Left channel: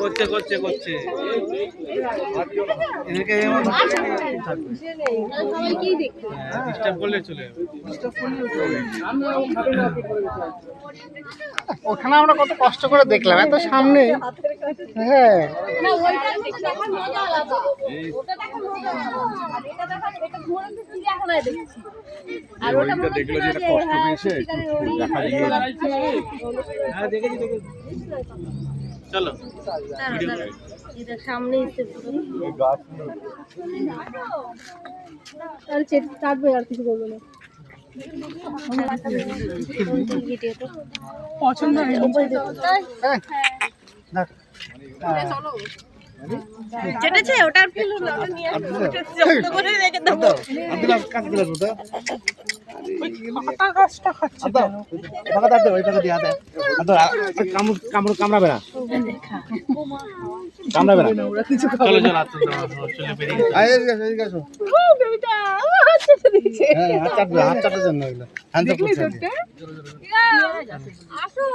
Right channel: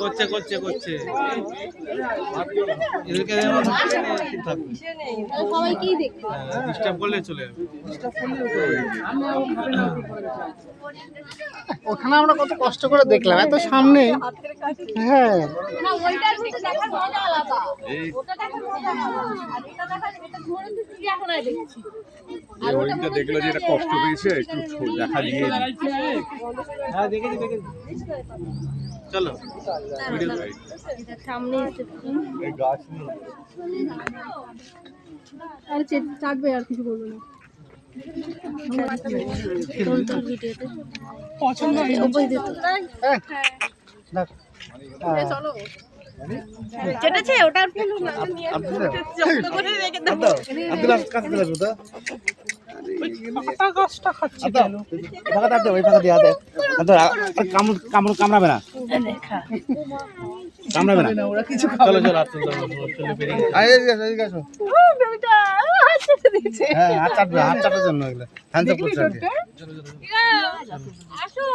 করছে করছে করছে এদেরকে ডিস্টার্ব করলে চলে যাবে। ওখানে আমরা কত কষ্ট করে দেখলাম, এত সামনে। হ্যাঁ হরিণটা দেখলো যে এটা কষ্ট পেয়েছে, একটু দেখা দিয়ে হ্যাঁ দেখেছি দেখেছি। চলো সামনে গাছ চাটবে আর কিছু করবে না। পছন্দ চেটেছে ওটা কামড়াবে না, কামড়াবে না। চলো চলো চলে বেরিয়ে হ্যাঁ হাত চাটার জন্য এগুলো হ্যান্ড আসো